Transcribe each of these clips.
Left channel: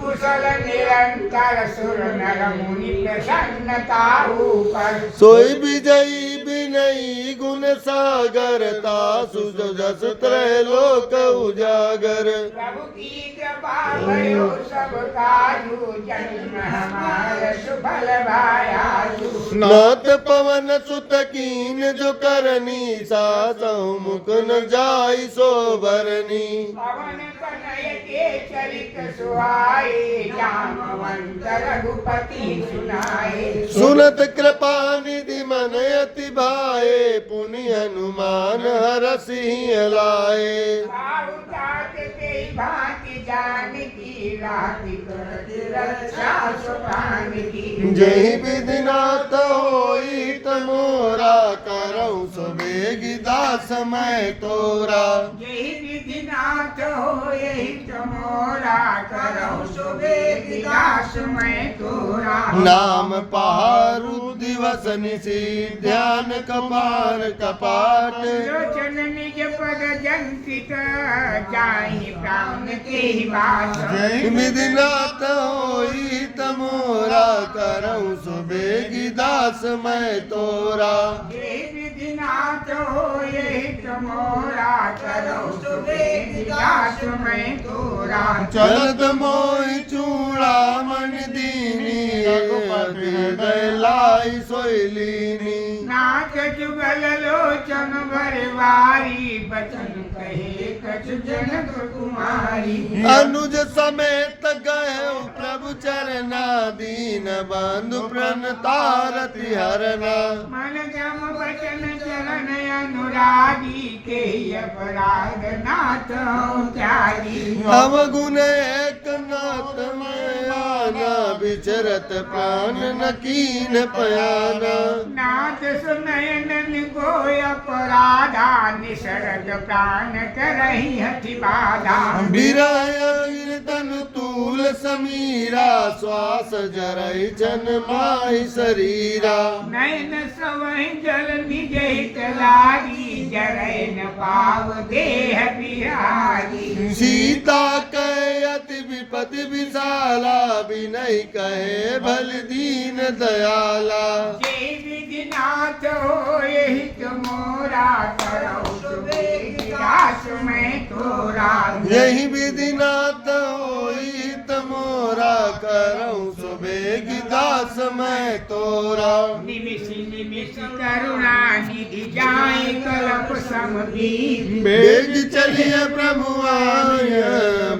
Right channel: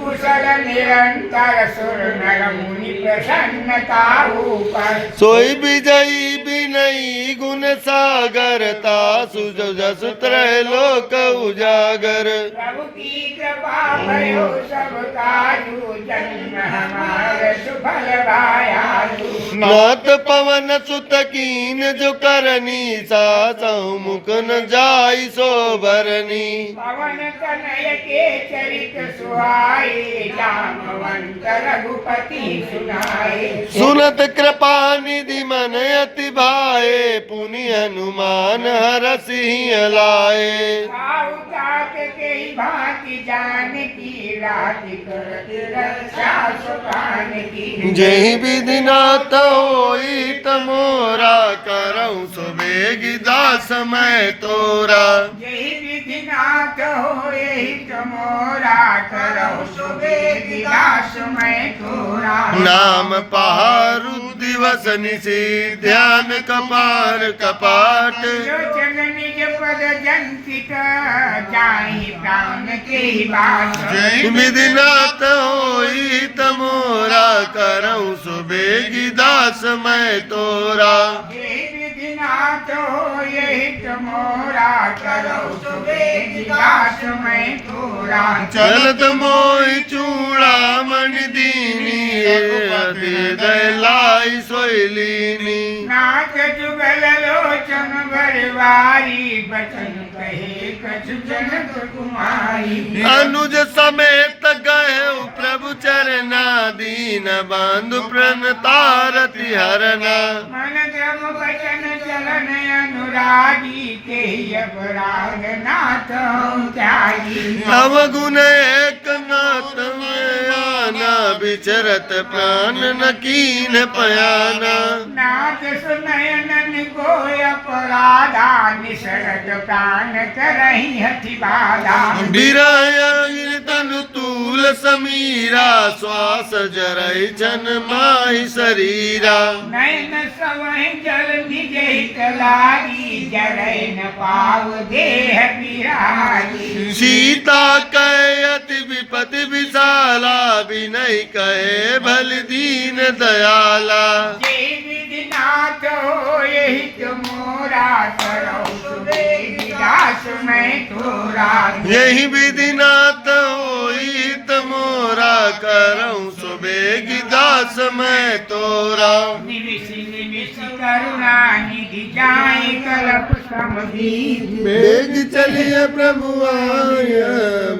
कुशल निरंतर सुर नर मुनि प्रसन्नता ऊपर सोई विजयी विनयी गुण सागरता सुजो जस त्रैलोक उजागर प्रभु की कृपा भयो सब काजू जन्म हमार सुफल भायालु नाथ पवन सुत कीन जो करनी सासहु मुख न जाई सो भरनी पवन कनय के चरित सुहाए जामवंत रघुपति सुनाए सुनत कृपा निधि मन अति भाए पुनि हनुमान हर सिंह लाए साहु तात के भांति जान की राति करति रक्षा सुभान की जय विधि नाथ होई तमोरा करऊँ सुबेगी दास मैं तोरा यही विधि नाथ हो यही तमोरा करो सुबेग दास मैं तोरा नाम पहारु दिवस निशि ध्यान कपार कपाट लोचन निज पद जंकित जाहि प्राण के बास जय विधि नाथ होई तमोरा करऊँ सुबेगी दास मैं तोरा यही विधि नाथ हो यही तमोरा करो सुबेग दास मैं तोरा चलत मोहि चूड़ा मणि दीनी हृदय लाई सोइलीनी नाथ जुगल लोचन भरवारी बचन कहे कछ जनक कुमारी अनुज समेत गए प्रभु चरना दीन बांधु प्रण तारति हरना मन क्रम वचन चलन अनुरागी के अपराध नाथ त्यागी अवगुण एक नाथ में आना विचरत प्राण न कीन पयाना नाथ सुनयनन को अपराधा निसरद प्राण करहि हठि बाधा बिराया तनु तूल समीरा श्वास जरई जन माहि शरीरा नैन सवहि जल निज हित लागी जरै न पाव देह बिहारी सीता कहे अति विपति विशाला विनय कहे भल दीन दयाला ये विधि नाथ हो यही तुमोरा करो सुबेग दास मैं तोरा यही विधि नाथ होई तमोरा करऊँ सुबेगी दास मैं तोरा निविष निविष करुणा निधि जाय कल्प समदीप बेग चलिए प्रभु आय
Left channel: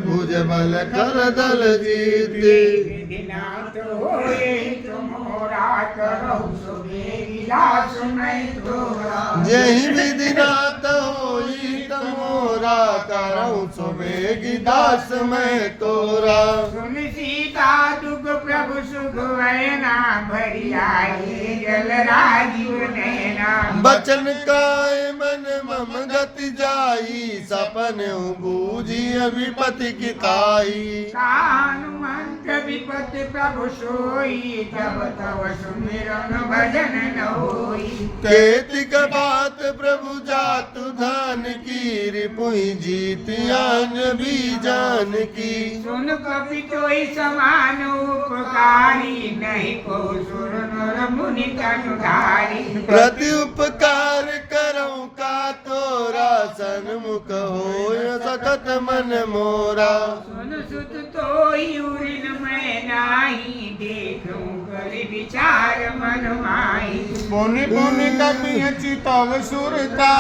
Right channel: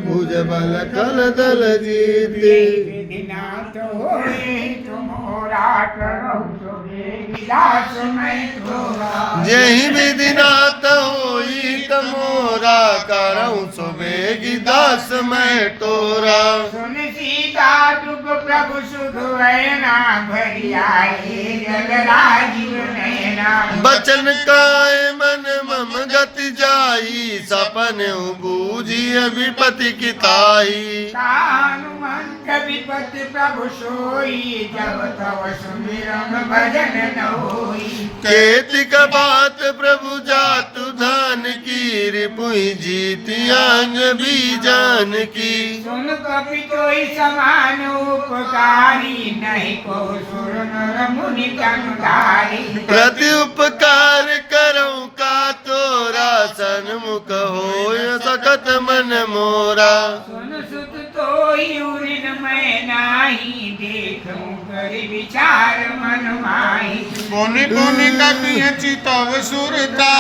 भुज बल कल दल जीते विधि नाथ हो यही तुमोरा करो सुबेग दास मैं तोरा यही विधि नाथ होई तमोरा करऊँ सुबेगी दास मैं तोरा सुन सीता दुख प्रभु सुख वैना भरी आए जल राजीव नैना बचन काय मन मम गति जाई सपन बूझी विपति किताई हनुमंत विपत प्रभु सोई जब तव सुमिरन भजन न होई केतिक बात प्रभु जातु धान की रिपुई जीती आंग भी जान की सुन कपि तोई समान उपकारी नहीं को सुर नर मुनि तनुधारी प्रति उपकार करऊँ का तोरा सन्मुख होय सकत मन मोरा सुन सुत तोई उरिन मैं नाही देखूं कर विचार मन माही पुनि पुनि कपिय चितव सुरता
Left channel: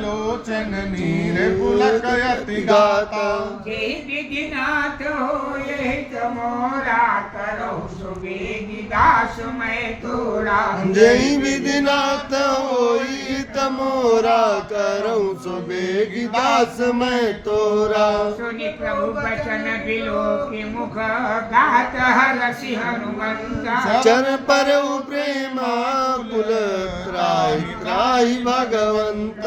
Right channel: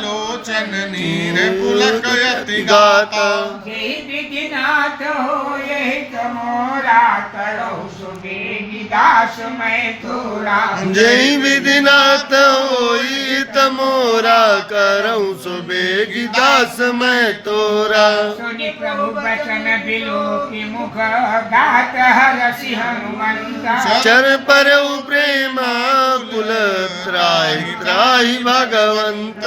लोचन नीर पुलक यति गाता हे विधिनाथ हो यह तमोरा करो सुबेगी दास मैं तोरा जय विधि नाथ होई तमोरा करऊँ सुबेगी दास मैं तोरा सुनि प्रभु बचन बिलो के मुख गात हरसि हनुमंता चर पर प्रेमा कुल त्राहि त्राहि भगवंत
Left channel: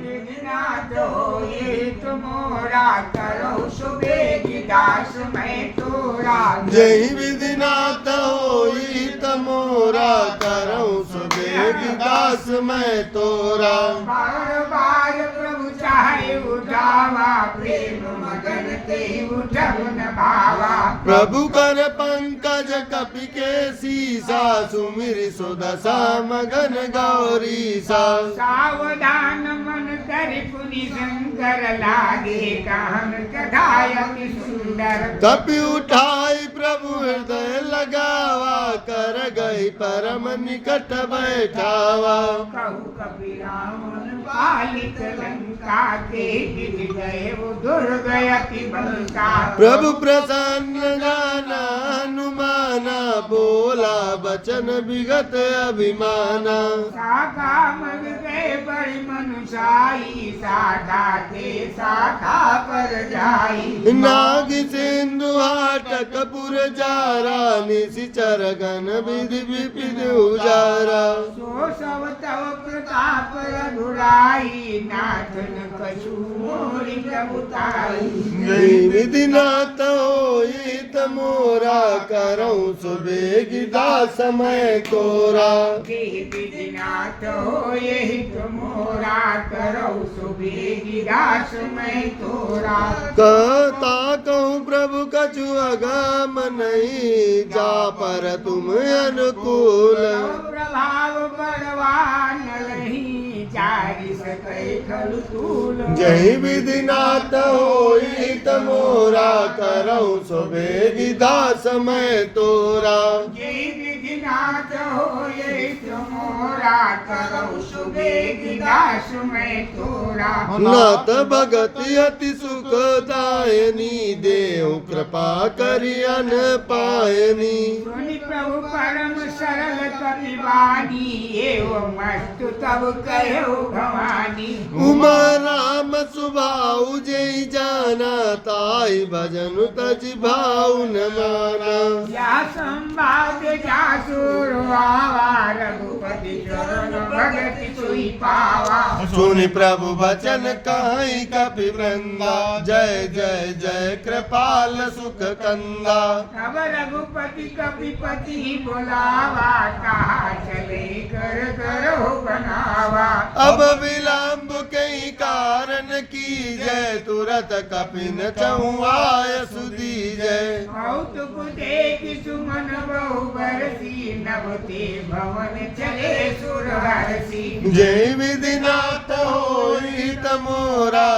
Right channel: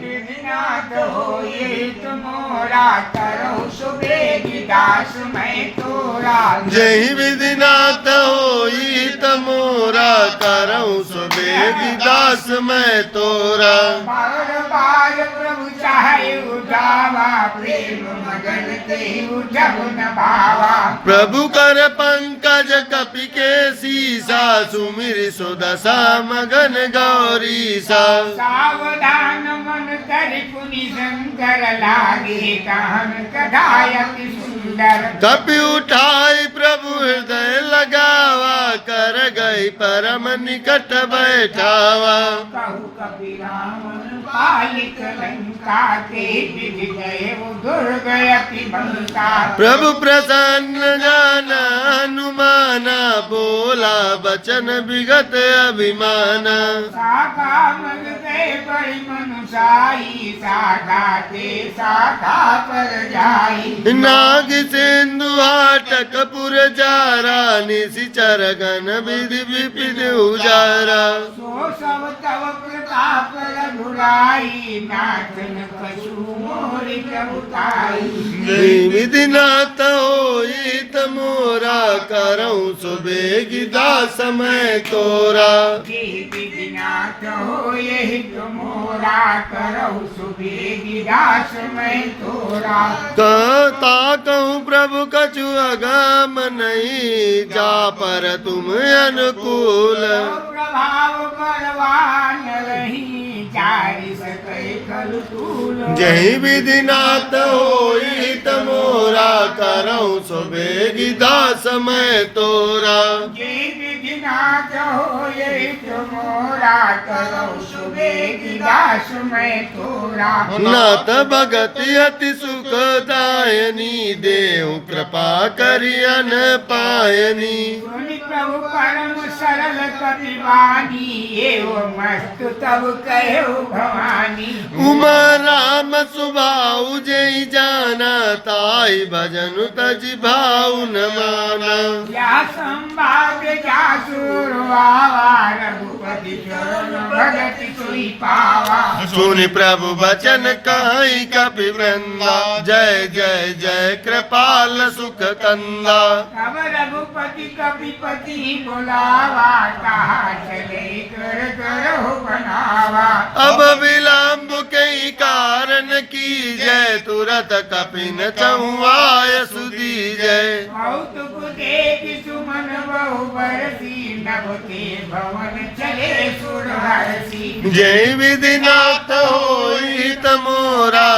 विधिनाथ हो यह तमोरा करो सुबेगी दास मैं तोरा जय विधि नाथ होई तमोरा करऊँ सुबेगी दास मैं तोरा बार बार प्रभु चाहे उठावा प्रेम मगन ते उठब न भावा प्रभु कर पंकज कपि के सीसा सुमिर सुदशा मगन गौरीसा सावधान मन कर पुनि शंकर लागे कान कढ़ायति सुंदर कपि उठाई प्रभु हृदय लगावा कर गई परम निकट बैठावा कहु कपि रामन पालिक लंका के विजय दुर्गयति बंका प्रभु प्रसन्न जाना हनुमाना बोला बचन विगत अभिमाना शाखा मग गए बड़ी मनुषाई शाखा ते शाखा पर जाई नाग सिंधु हाटक पुर जारा निशिचर गण विधि विपिन उजारा सो सब तव कृपा पर घुराई नाथन पशु मोरि प्रभुताई विधि नाथ होई तमोरा करऊं सुबेगी दास मैं तोरा विधिनाथ हो यही तुमोरा करौ सुबेगी दास मैं तोरा कहता कहूँ प्रभु कछु अगम नहीं जा पर तुम अनुकूल प्रभाव परवान रही चारि सकै खल तूल जही विधि नाथ होई तमोरा करऊं सुबेगी दास मैं तोरा जय विधिनाथ हो यही तुमोरा करौ सुबेगी दास मैं तोरा नाथ भगति अति सुखदायनी देव कृपा करियन पायनी सुनि प्रभु परम सरल कवि वाणी एवं मस्तु तब कहो भवानी उमा राम सुभाऊ जय जाना ताई भजन तज भाऊ न माना या संभाग जा सुरवावा रघुपति चरण भगति सोई पावा सुनि प्रभु वचन कहि कपि वृंदा जय जय जय कृपाल सुख कंदा तब रघुपति कपिपति बोलावा कहा चले कर कर हो बनावा अब विलंब कई कारण की जय तुरत कपिन चहुआय सुधी जय कौतुक देख सुमन बहु बरसी नभते भवन चले सुरहर्षि जय विधिनाथ होई तमोरा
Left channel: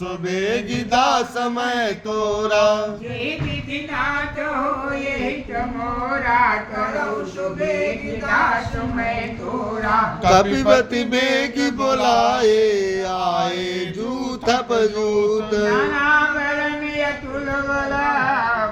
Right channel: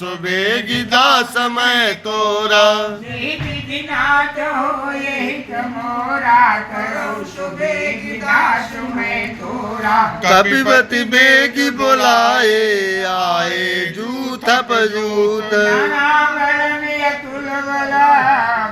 सुबेगी दास मैं तोरा जय विधिनाथ होए तमोरा करो सुबेगी दास मैं तोरा कपिपति बेगी बोलाए आए जूथ पजूत नानावरण यतुल बला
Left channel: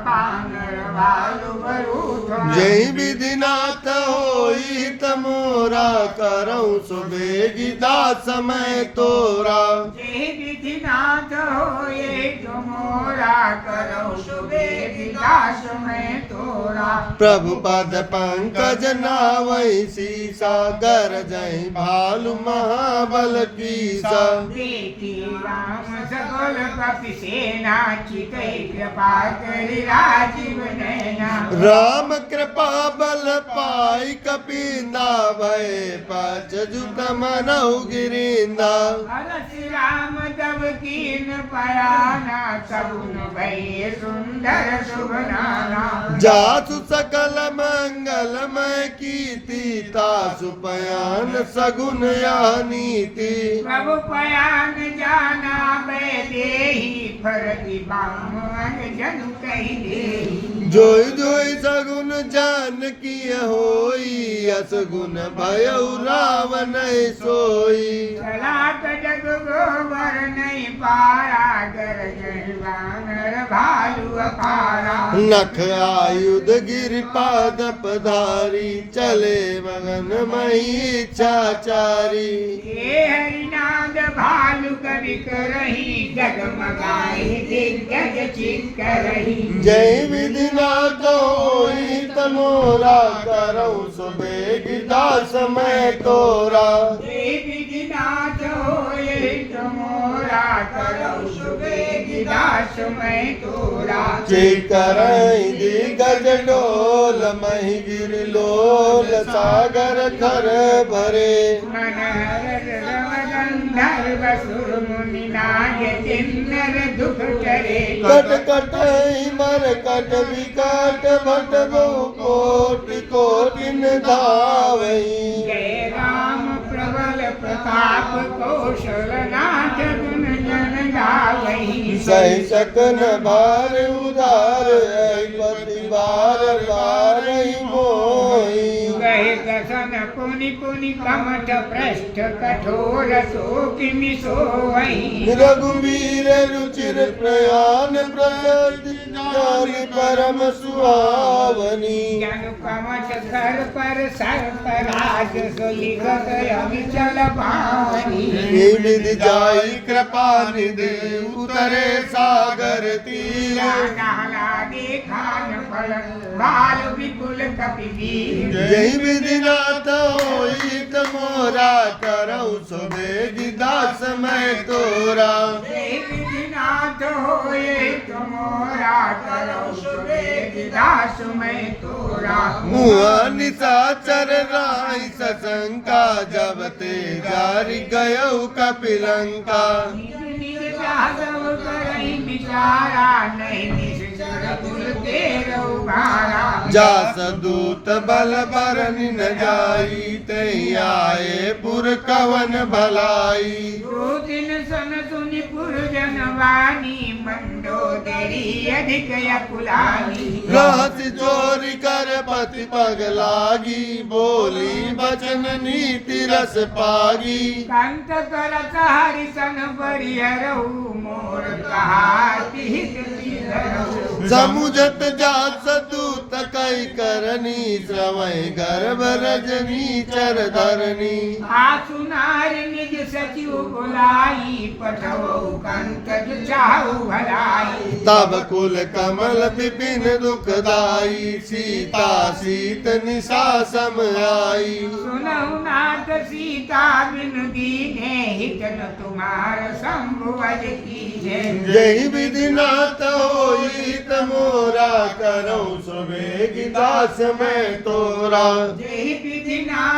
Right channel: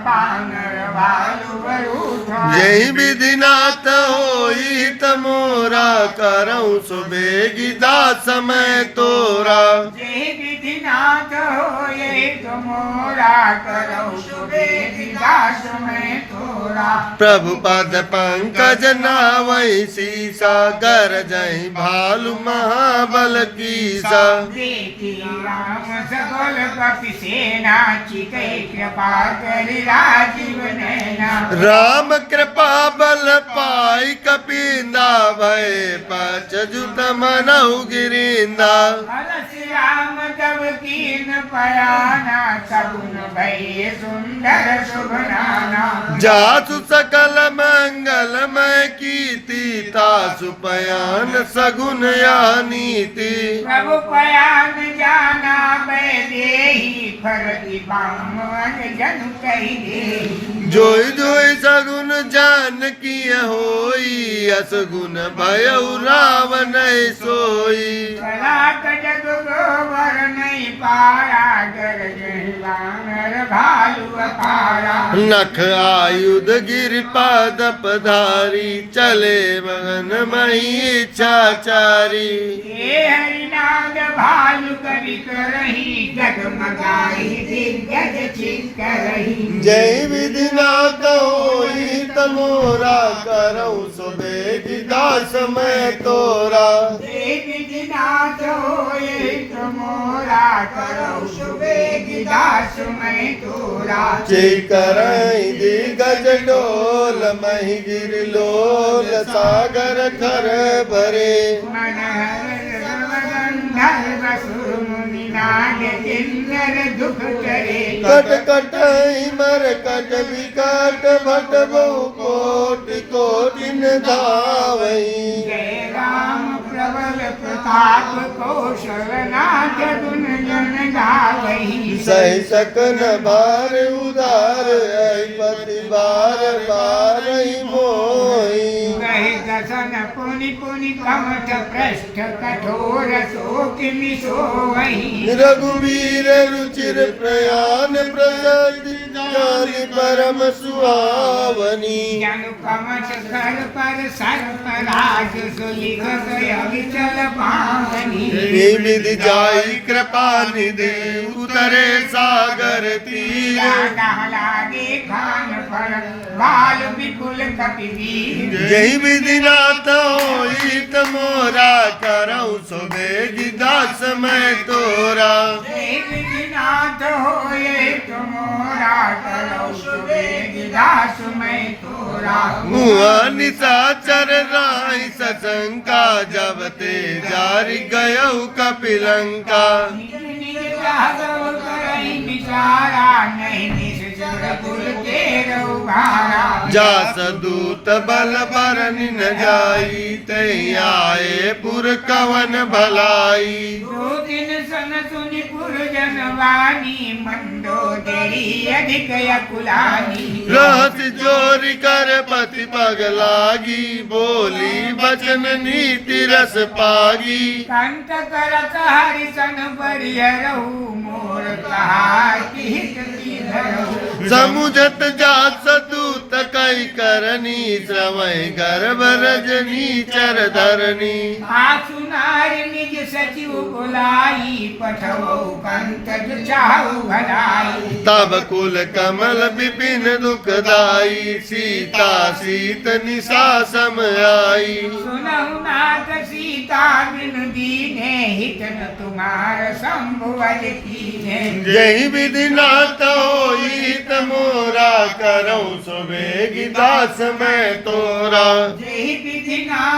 बानर भालु बरूथ जय विधिनाथ होई तमोरा करऊं सुबेगी दास मैं तोरा जय विधिनाथ होए तमोरा करो सुबेगी दास मैं तोरा प्रभु पद पंकज नावई सीसा गर जय भालु महाबल कीसा देखी राम सकल पति सेना चिकै कृपा करि राजीव नैना राम कृपा बल पाई कपिंदा भय पच जुत मनहु गिरिंदा अलसि राम जब कीन पयाना सगुन भय सुंदर शुभ नाना जासु सकल मंगलमय कीर्ति तासु पयान सगुन या नीति प्रभु पयान जाना मैं देही फरति बामन जन कहि देही जोई जोई सगुन जान की होई असगुन भयउ रावण सोई कलाक जग गोबर नहीं पारा गर जहि वानर भालु अपारा नख आयुध गिर पाद पधारी चले मगन मही इच्छाचारी हे हरिनाग भालु कवि करही जगमगाई दिग्गज चित करही जय विधिनाथ होई तमोरा करऊं सुबेगी दास मैं तोरा जय विधिनाथ होए तमोरा करौ सुबेगी दास मैं तोरा जय करई दिगज डोल मही गिर लोल सागर खर भरे मन हर रवगंध नर असुर मुनि नाग किन्नर दुख करे कट कट मर कट विकट भट बहु कोटि कोटिन धावई जय राम प्रबल प्रताप कौशलनाथ गुण गण गावई सही सकन भार उदार पति बार बार मोही कहे दसन पुनि पुनि कमठ पृष्ठ कठोर सो किमि सोई रघुवीर रुचिर प्रयाण प्रसद जानि परम सुहावनी जनु कमठ कर पर सर पराग सोई गय विचल पावनी विधि जाई कृपा निधि उतरे सागर तीर लागे खान फल बाल विपुल कपिवीर जय विधि नाथ होई तमोरा करऊँ सुबेगी दास मैं तोरा नाथ होए तुमोरा करो सुबेगी दास मैं तोरा मुआ निशाचर राई सशंका जब ते जारी गयऊ कपिलंका जास दूत बल बरन न जाई तई आए पुर कवन भलाई दो दिन सन सुनि पुरजन वाणी मंदोदरी अधिक अकुलानी रहस जोरी कर पति पग लागी बोली बचन नीति रस पागी कंत करत हरिसन परिहरहु मोर कहाति हित धरहु समुझत जात दूत कई करनी श्रवै गर्भ रजनी चर धरनी आसु नारी निज सचिव बुलाई पठवो कंत चाहु भलाई तब कुल कमल विपिन दुखदाई सीता सीत निशा सम आई सुनहु नाथ सीता बिन दीने हित न तुम्हार शंभुवल कीने जय विधि नाथ होई तमोरा करऊँ सुबेगी दास मैं तोरा जय विधि नाथ